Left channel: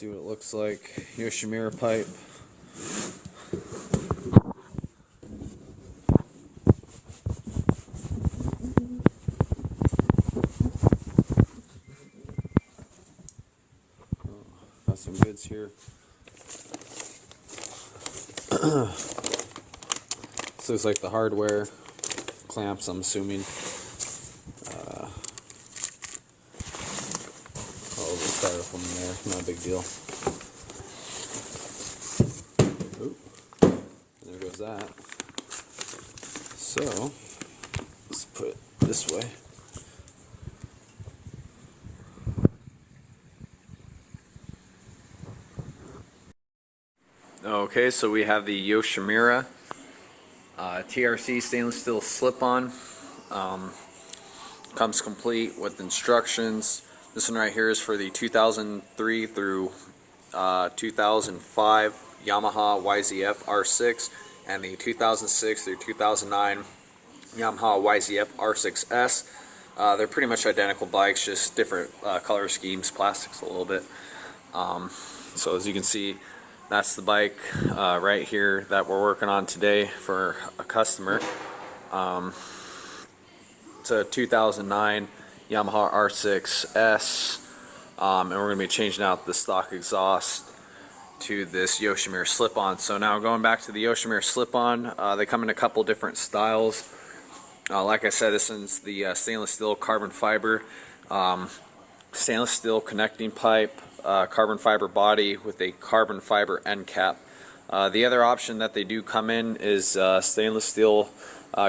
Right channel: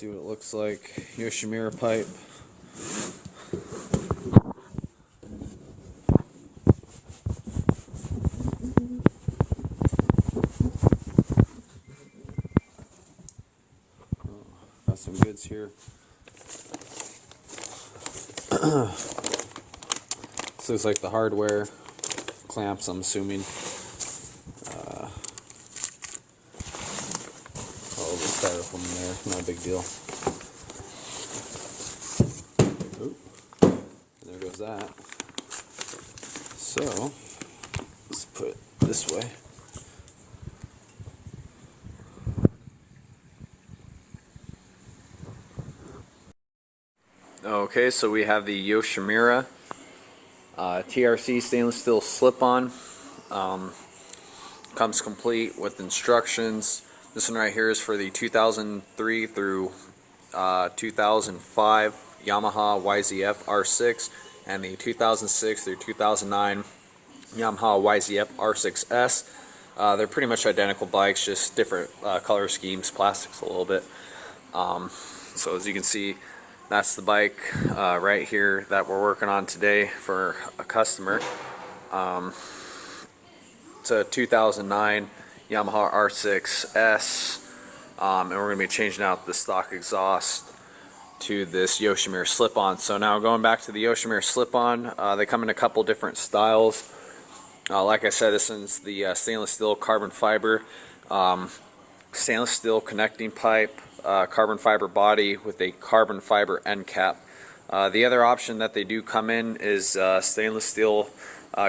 See what it looks like. Yoshimura pipe. Got some goods here. This looks like the hardware clamps, I'm assuming. Oh, the styrofoam there, not a big deal. Oop, there goes that. So, let's put it this way. Okay, so we have the Yoshimura TRC stainless steel slip-on. Comes complete with instructions. This one right here is for the 2003 through 2005 Yamaha YZF R6 and the 2006 through 2009 Yamaha YZF R6S. They're pretty much identical bikes, just different color schemes, plastics a little bit. So as you can see, that's the bike right here that we're working on today for a customer. It's a 2009 Yamaha R6S, and we're going to be changing out the stock exhaust to this Yoshimura slip-on. So now going back to the Yoshimura slip-on, they come in a couple different styles. Like I said, this is the stainless steel carbon fiber, stainless steel connecting pipe, carbon fiber body with a carbon fiber end cap. The other option that they do come in is stainless steel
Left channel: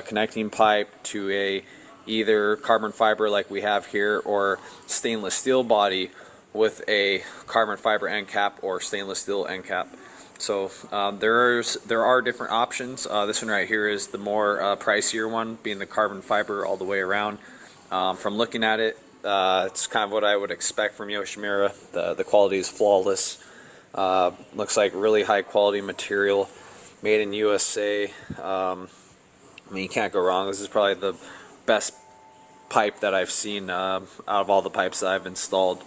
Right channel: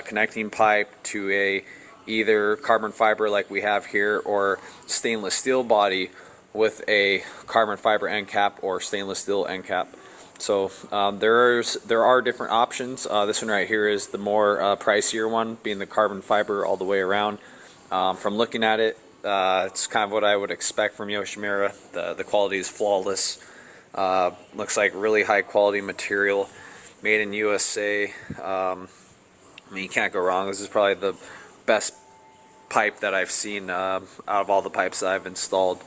connecting pipe to a either carbon fiber like we have here, or stainless steel body with a carbon fiber end cap or stainless steel end cap. So there are different options. This one right here is the more pricier one, being the carbon fiber all the way around. From looking at it, it's kind of what I would expect from Yoshimura. The quality is flawless. Looks like really high quality material, made in USA. I mean, you can't go wrong. This is probably the best pipe that I've seen out of all the pipes that I've installed.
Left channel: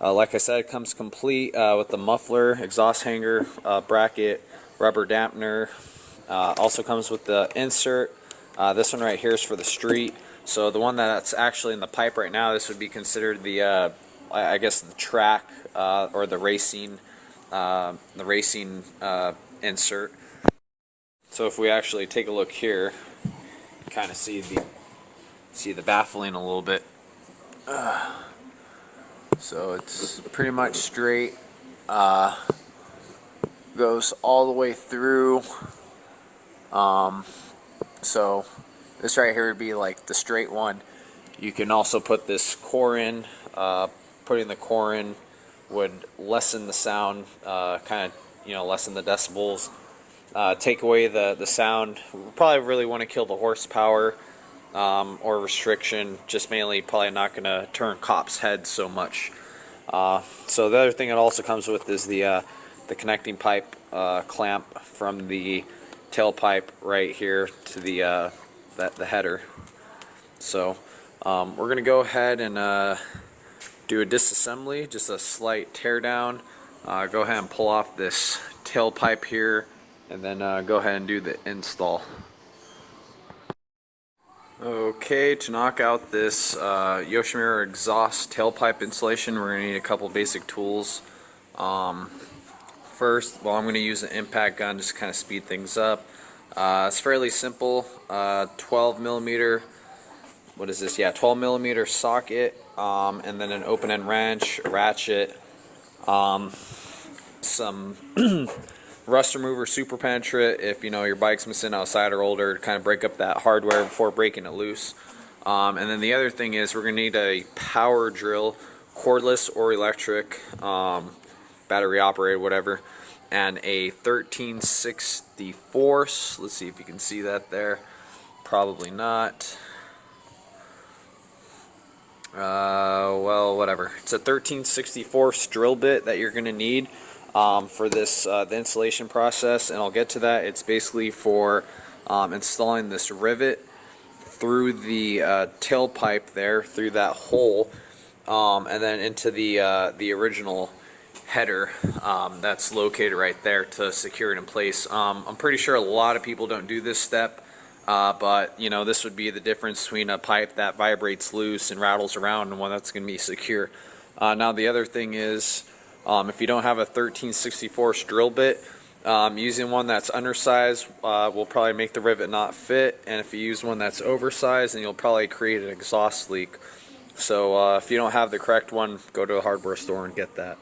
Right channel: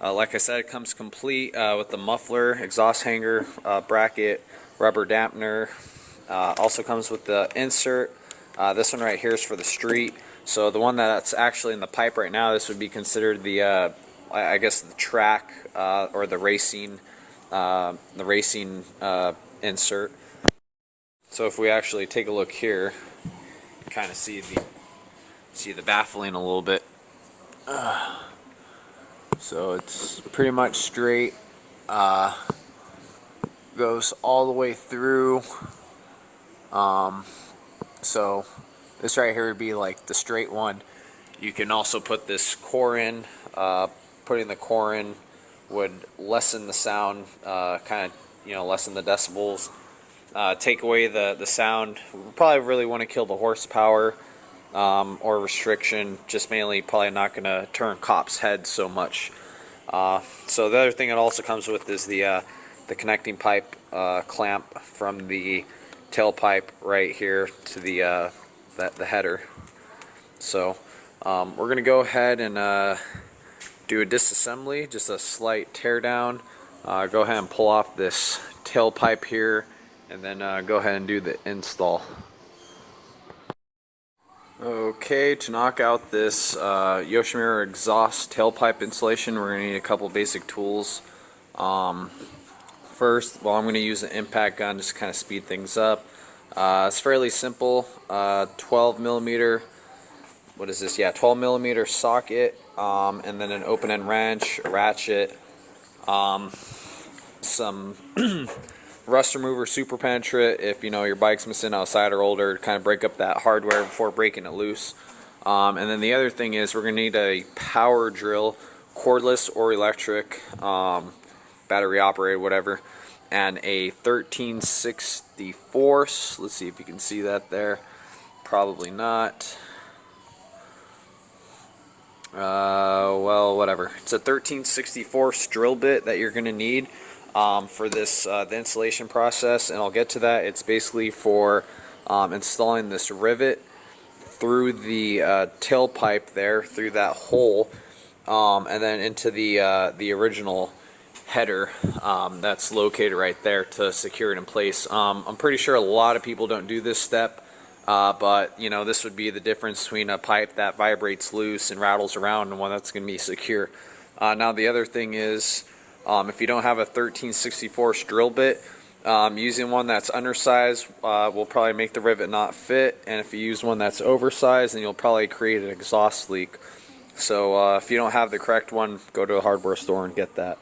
Like I said, it comes complete with the muffler, exhaust hanger, bracket, rubber dampener. Also comes with the insert. This one right here is for the street. So the one that's actually in the pipe right now, this would be considered the, I guess, the track or the racing insert. So if we actually take a look here, kind of see the baffling a little bit. So it's pretty much straight, goes all the way through. So this right here would be like the straight one. You can also put this core in. Putting the core in would lessen the sound, kind of, lessen the decibels. Take away the sound. We probably really want to kill the horsepower or restriction. Just mainly probably not going to turn cops' heads so much. So the other thing it also comes with is the connecting pipe clamp from the tailpipe right here to the header. So we're going to go ahead and do a disassembly, just a slight tear down. Go ahead and pull off this tailpipe here, and then go ahead and do the install. Okay, to knock out this Yoshimura exhaust tailpipe installation, we're going to need a couple basic tools. First, I'm going to use an impact gun just to kind of speed things up. It's fairly simple. 12 millimeter. What is this? Yeah, 12 millimeter socket, and then an open end wrench, a ratchet, some rust remover super penetrant if your bike's missing outside or older, to kind of break up that hardware before breaking it loose. And then the other thing is we're going to need a power drill, cordless or electric, battery operated, whatever, and a 13/64. Let's see if you can see that there. Probably not. Well, whatever. It's a 13/64 drill bit that you're going to need for this the installation process, and I'll get to that. It's basically for installing this rivet through the tailpipe there, through that hole. and then into the original header that's located right there to secure it in place. I'm pretty sure a lot of people don't do this step, but you know, this would be the difference between a pipe that vibrates loose and rattles around and one that's going to be secure. Now the other thing is, if you don't have a 13/64 drill bit, using one that's undersized will probably make the rivet not fit, and if you use one that's oversized, then you'll probably create an exhaust leak. So if you don't have the correct one, go to a hardware store and get that.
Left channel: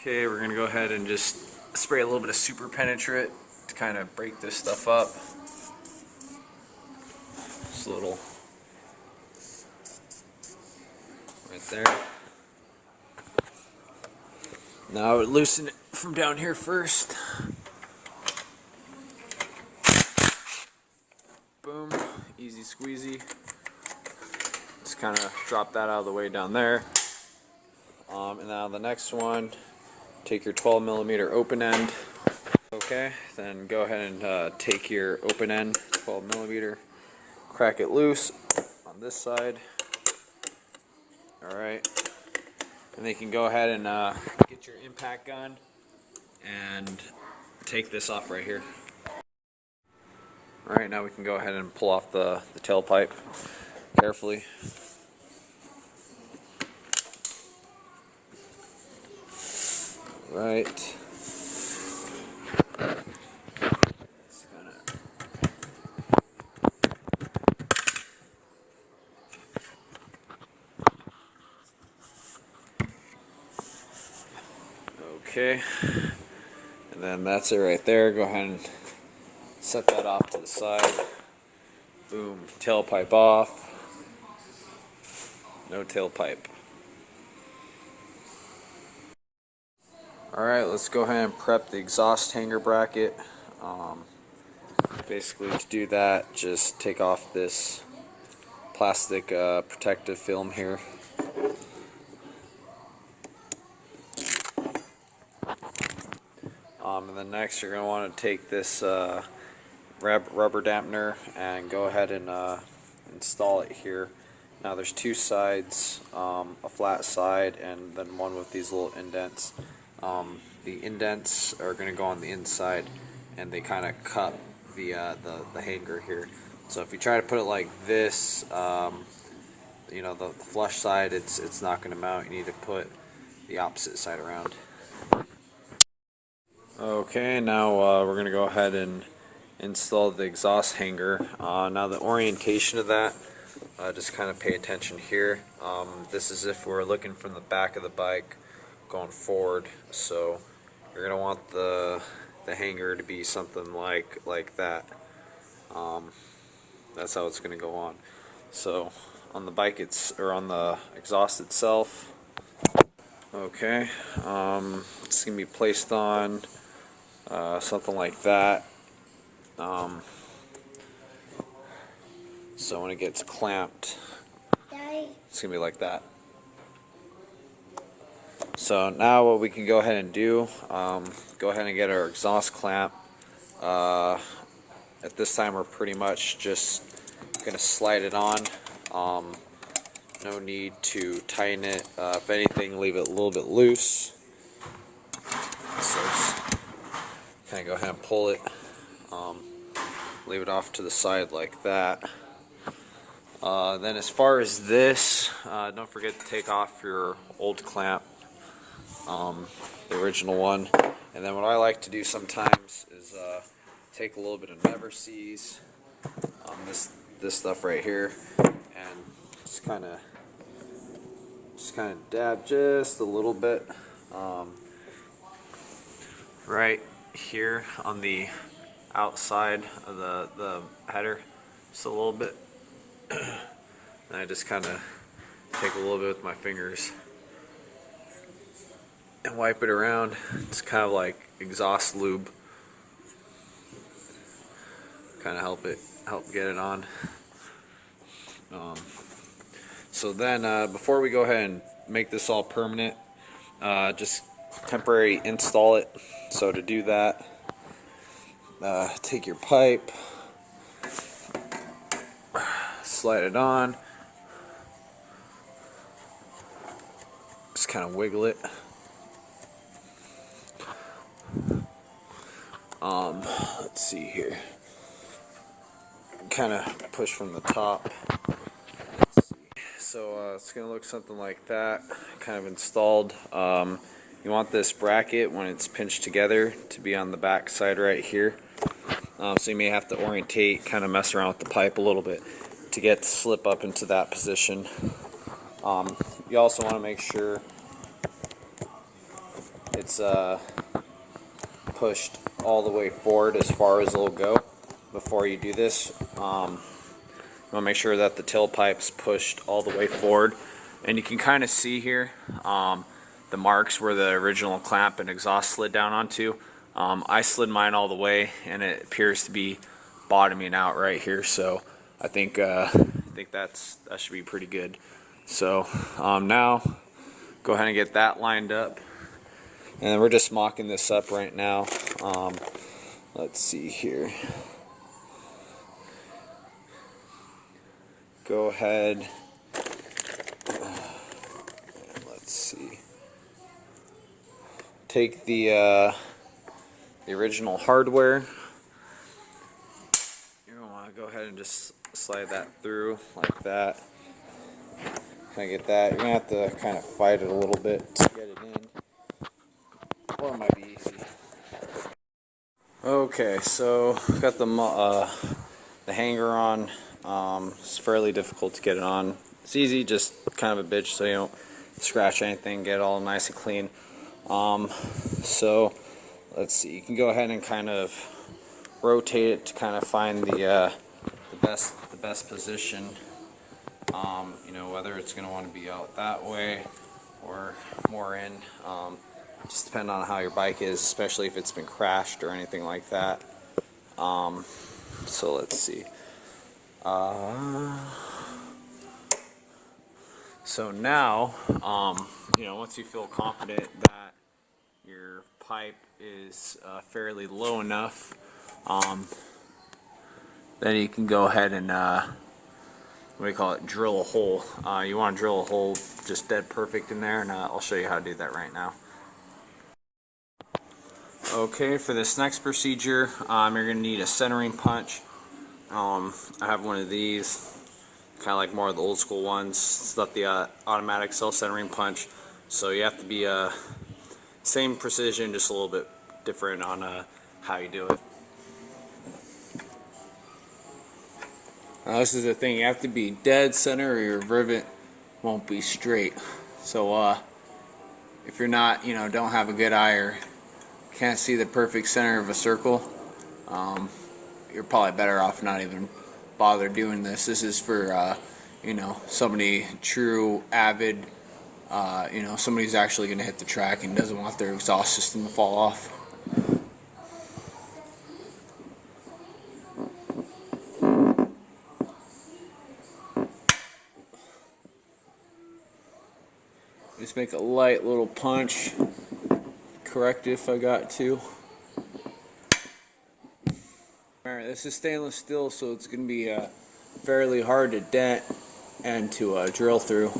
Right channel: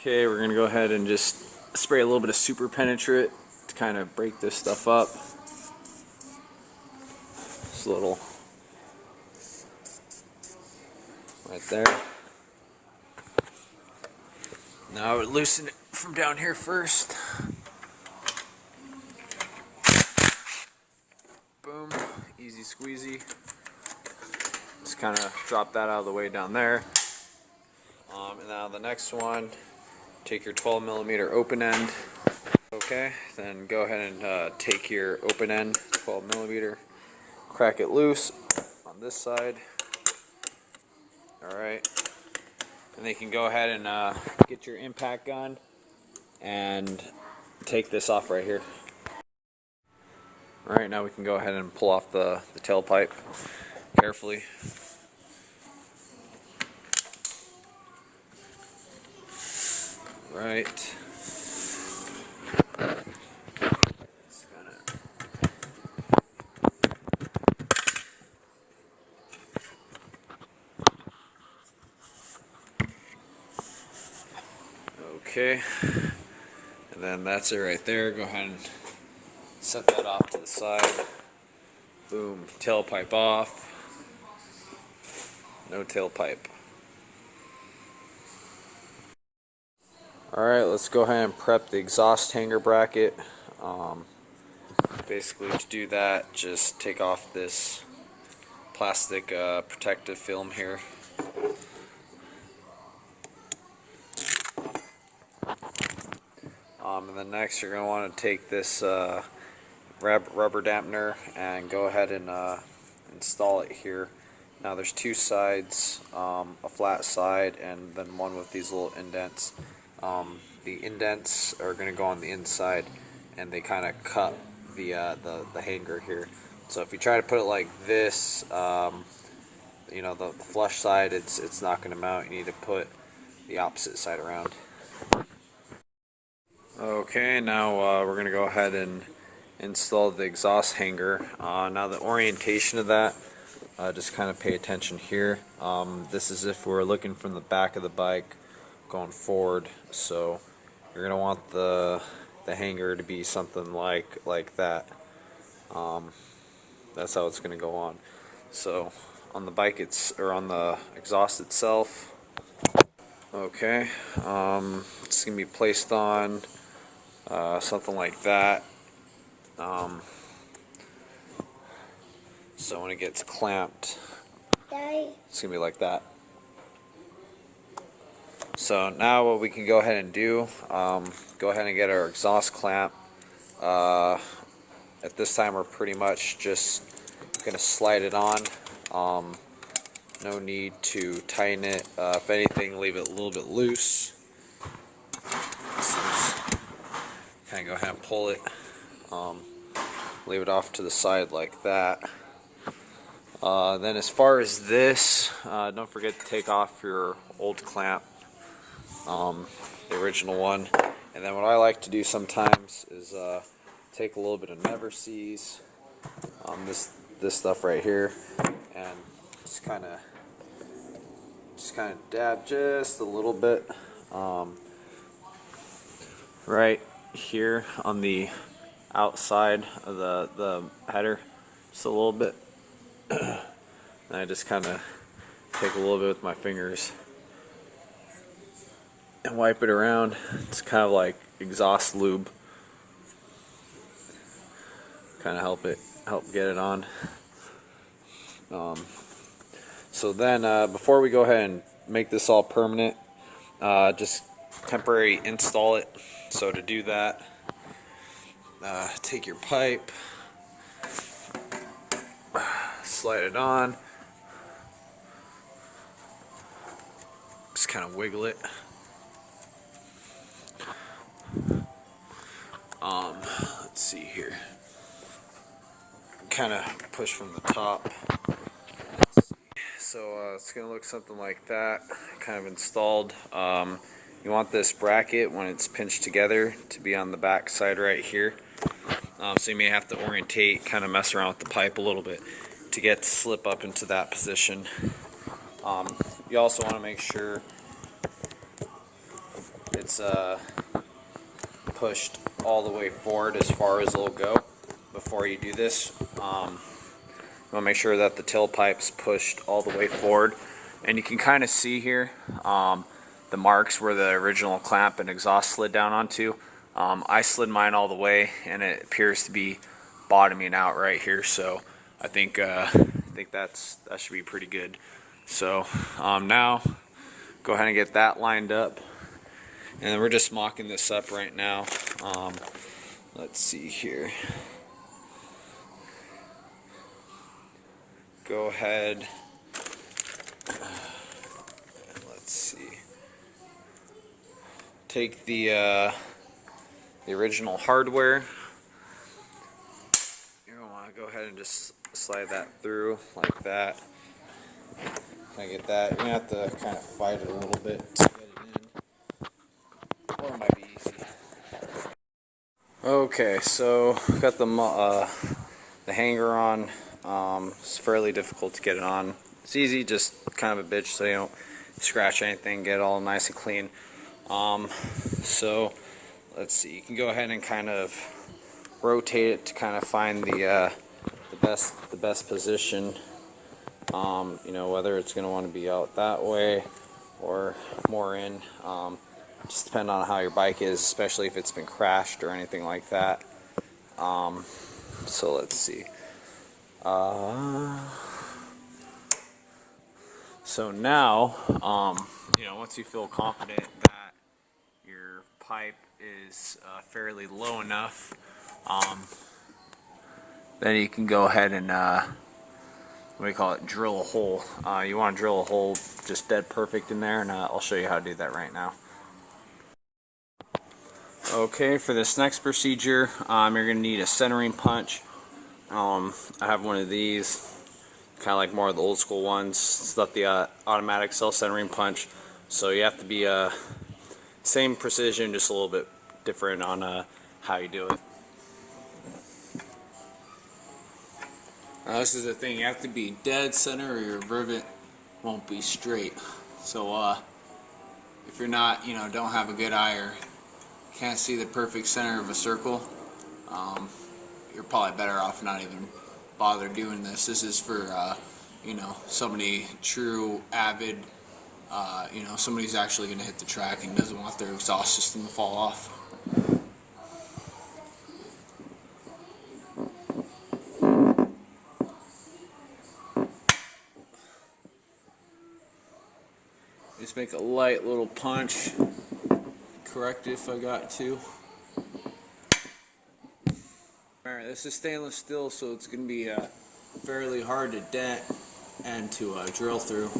Okay, we're going to go ahead and just spray a little bit of super penetrate to kind of break this stuff up. Just a little right there. Now I would loosen it from down here first. Boom, easy squeezy. Just kind of drop that out of the way down there. And now the next one, take your 12mm open end. Okay, then go ahead and take your open end, 12mm, crack it loose on this side. Alright, and then you can go ahead and get your impact gun and take this off right here. Alright, now we can go ahead and pull off the tailpipe carefully. Right. Okay, and then that's it right there. Go ahead and set that off to the side. Boom, tailpipe off. No tailpipe. Alright, let's go ahead and prep the exhaust hanger bracket. Basically, to do that, just take off this plastic protective film here. And then next, you're going to want to take this rubber dampener and go ahead and install it here. Now there's two sides, a flat side and then one with these little indents. The indents are going to go on the inside, and they kind of cut the hanger here. So if you try to put it like this, you know, the flush side, it's not going to mount. You need to put the opposite side around. Okay, now we're going to go ahead and install the exhaust hanger. Now the orientation of that, just kind of pay attention here. This is if we're looking from the back of the bike going forward, so you're going to want the hanger to be something like that. That's how it's going to go on. So on the bike, or on the exhaust itself, okay, it's going to be placed on something like that. So when it gets clamped, it's going to be like that. So now what we can go ahead and do, go ahead and get our exhaust clamp. At this time we're pretty much just going to slide it on. No need to tighten it. If anything, leave it a little bit loose. So kind of go ahead and pull it. Leave it off to the side like that. Then as far as this, don't forget to take off your old clamp, the original one. And then what I like to do sometimes is take a little bit of Never Seas, this stuff right here, and just kind of dab just a little bit right here on the outside of the header, just a little bit. And I just kind of take a little bit with my fingers and wipe it around. It's kind of like exhaust lube. Kind of help get it on. So then before we go ahead and make this all permanent, just temporary install it. So to do that, take your pipe, slide it on, just kind of wiggle it. Let's see here. Kind of push from the top. So it's going to look something like that, kind of installed. You want this bracket, when it's pinched together, to be on the back side right here. So you may have to orientate, kind of mess around with the pipe a little bit to get to slip up into that position. You also want to make sure it's pushed all the way forward as far as it'll go before you do this. You want to make sure that the tailpipe's pushed all the way forward, and you can kind of see here the marks where the original clamp and exhaust slid down onto. I slid mine all the way, and it appears to be bottoming out right here. So I think that should be pretty good. So now go ahead and get that lined up, and we're just mocking this up right now. Let's see here. Go ahead. Let's see. Take the original hardware. You're gonna want to go ahead and just slide that through like that. Kind of get that. You're gonna have to kind of fight it a little bit to get it in, or it might be easy. Okay, so got the hanger on. It's fairly difficult to get it on. It's easy, just kind of a bitch, so you don't scratch anything, get it all nice and clean. So let's see. You can go ahead and kind of rotate it to kind of find the best position. You know, whether it's going to want to be out that way or more in. Just depend on how your bike is, especially if it's been crashed or anything like that. So let's see. So now, you know, once you feel confident that your pipe is fairly low enough, then you can go ahead and what do you call it? Drill a hole. You want to drill a hole just dead perfect in there, and I'll show you how to do that right now. Okay, for this next procedure, you're going to need a centering punch. I have one of these, kind of like more of the old school ones. It's not the automatic self-centering punch, so you have to be same precision, just a little bit different on how you do it. This is the thing, you have to be dead center or your rivet won't be straight. So if you're not, you know, don't have a good eye or can't see the perfect center of a circle, you're probably better off not even bother doing this. This is for you know, somebody true avid, you know, somebody who's actually going to hit the track and doesn't want their exhaust system to fall off. Just make a light little punch. Correct it if I got to. Alright, this is stainless steel, so it's going to be fairly hard to dent and to drill through.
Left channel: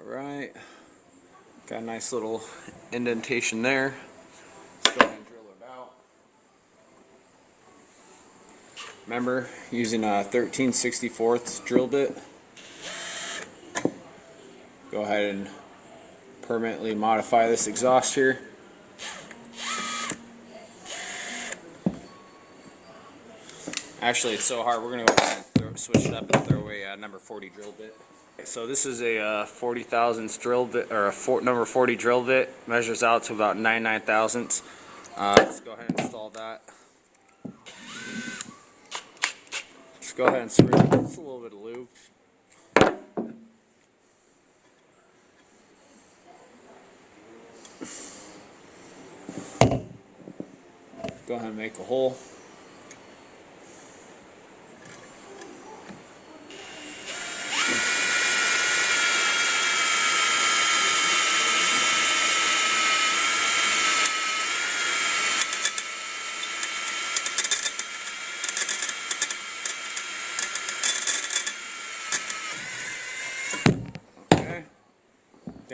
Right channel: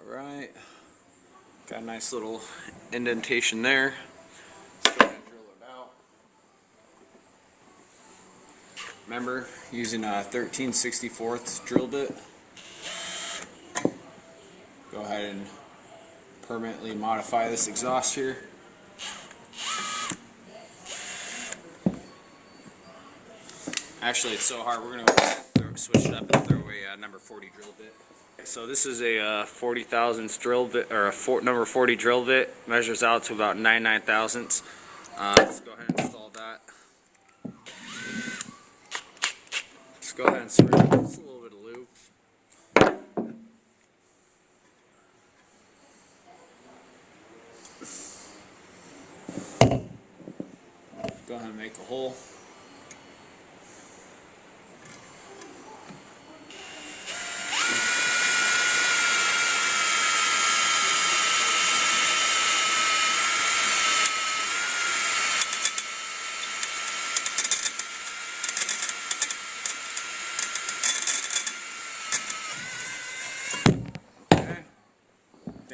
Alright, got a nice little indentation there. Let's go ahead and drill it out. Remember, using a 13/64 drill bit. Go ahead and permanently modify this exhaust here. Actually, it's so hard, we're going to go ahead and switch it up and throw a number 40 drill bit. So this is a 40 thousandths drill bit, or a number 40 drill bit. Measures out to about 99 thousandths. Let's go ahead and install that. Just go ahead and spray just a little bit of lube. Go ahead and make a hole.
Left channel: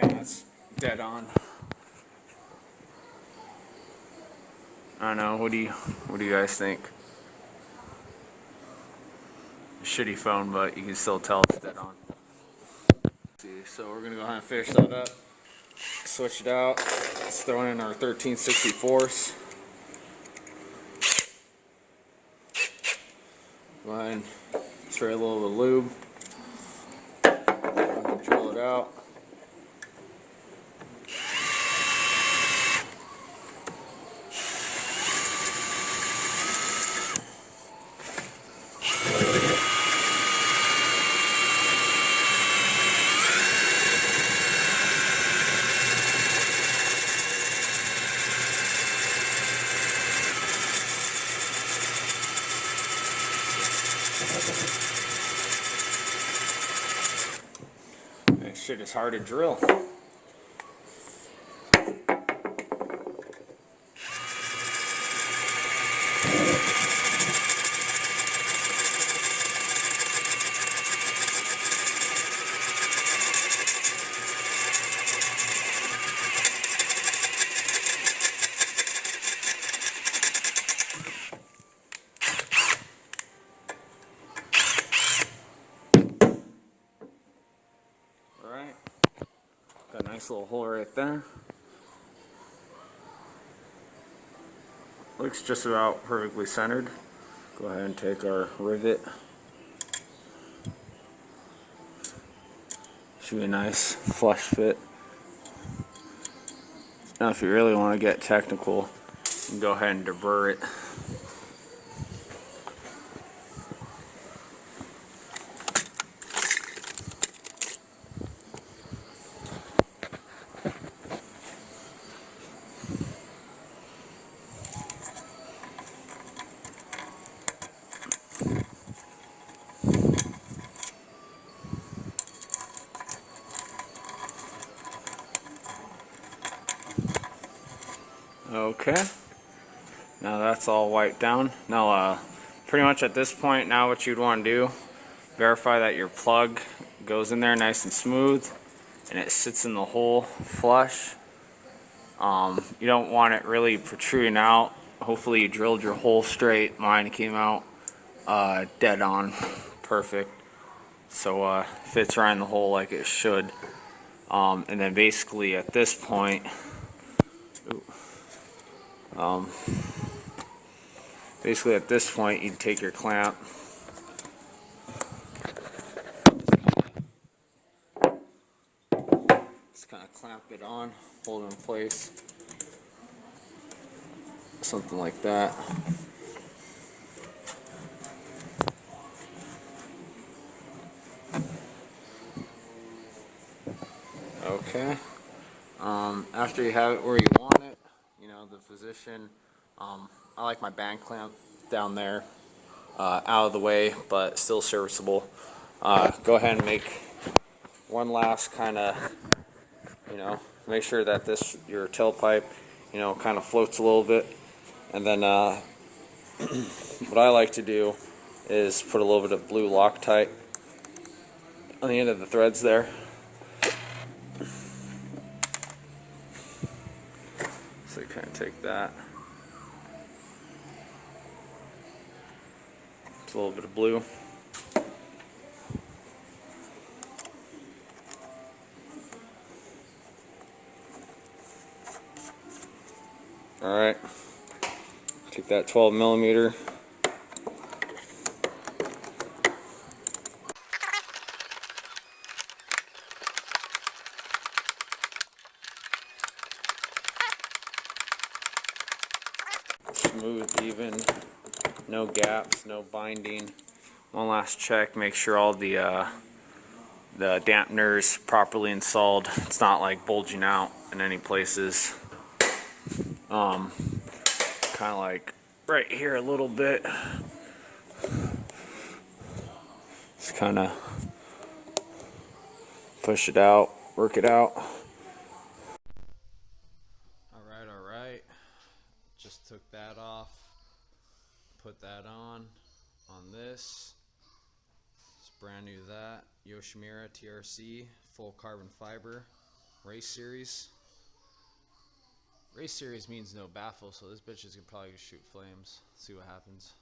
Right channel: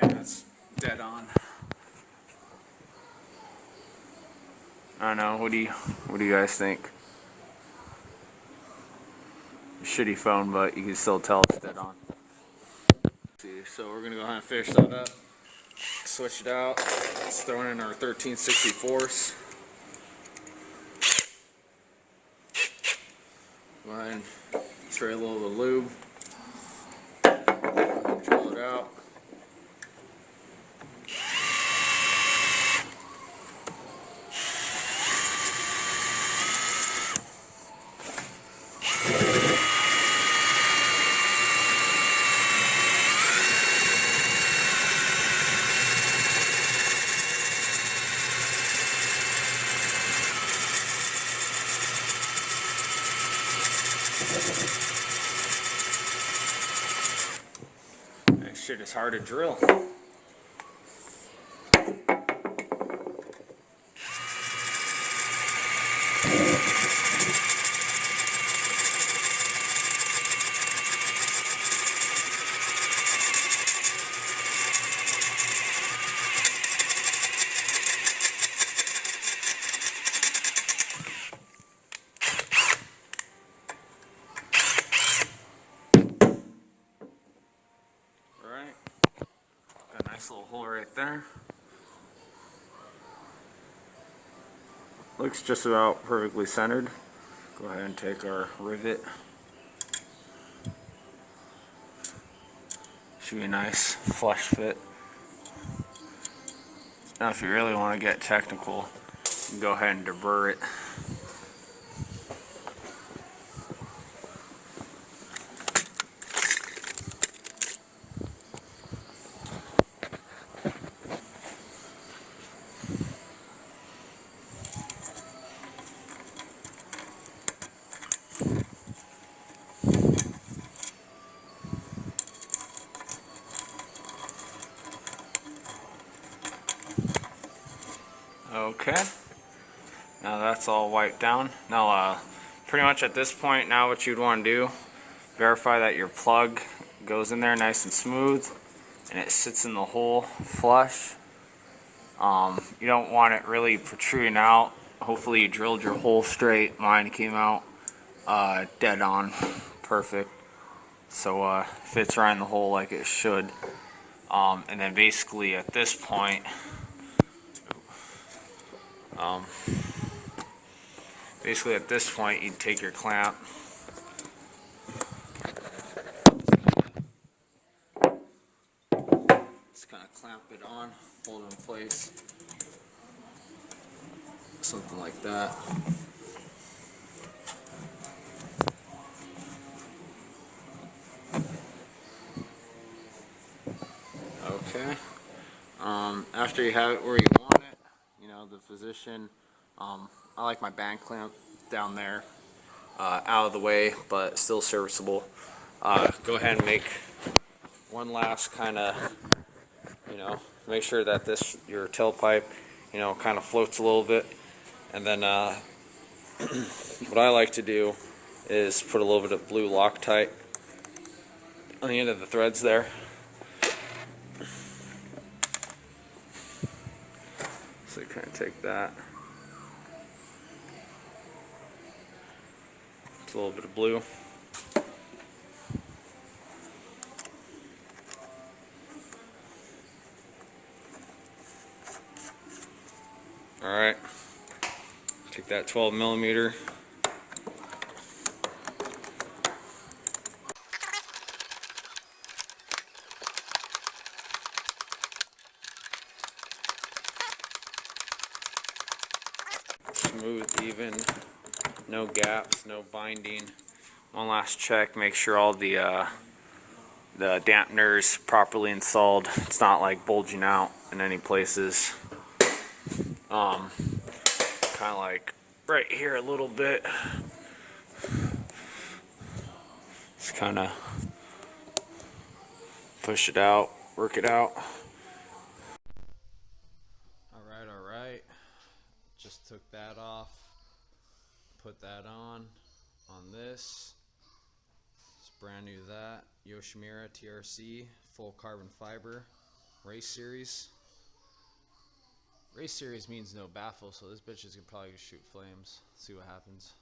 Okay, that's dead on. I don't know. What do you guys think? Shitty phone, but you can still tell it's dead on. See, so we're gonna go ahead and finish that up. Switch it out. Let's throw in our 1364s. Go ahead and spray a little of the lube. Go ahead and drill it out. That shit is hard to drill. Alright, got a nice little hole right there. Looks just about perfectly centered. Go ahead and take our rivet. Should be a nice flush fit. Now if you really want to get technical, you can go ahead and deburr it. Okay, now that's all wiped down. Now pretty much at this point, now what you'd want to do, verify that your plug goes in there nice and smooth and it sits in the hole flush. You don't want it really protruding out. Hopefully you drilled your hole straight. Mine came out dead on, perfect. So fits right in the hole like it should. And then basically at this point, you take your clamp, just kind of clamp it on, hold it in place, something like that. Okay. After you have it where you want it, you know, the position, I like my band clamp down there, out of the way, but still serviceable. Go ahead and make one last kind of, you know, make sure that your tailpipe, you know, kind of floats a little bit. And then what I like to do is put a little bit of blue Loctite on the end of the threads there. So you kind of take that. It's a little bit of blue. Alright. Take that 12 millimeter. Smooth, even, no gaps, no binding. One last check, make sure all the dampeners properly installed. It's not like bulging out in any places. Kind of like right here a little bit. Just kind of push it out, work it out. Alright. Just took that off, put that on this. It's brand new, that Yoshimura TRC full carbon fiber. Race Series. Race Series means no baffle, so this bitch is gonna probably shoot flames. See what happens.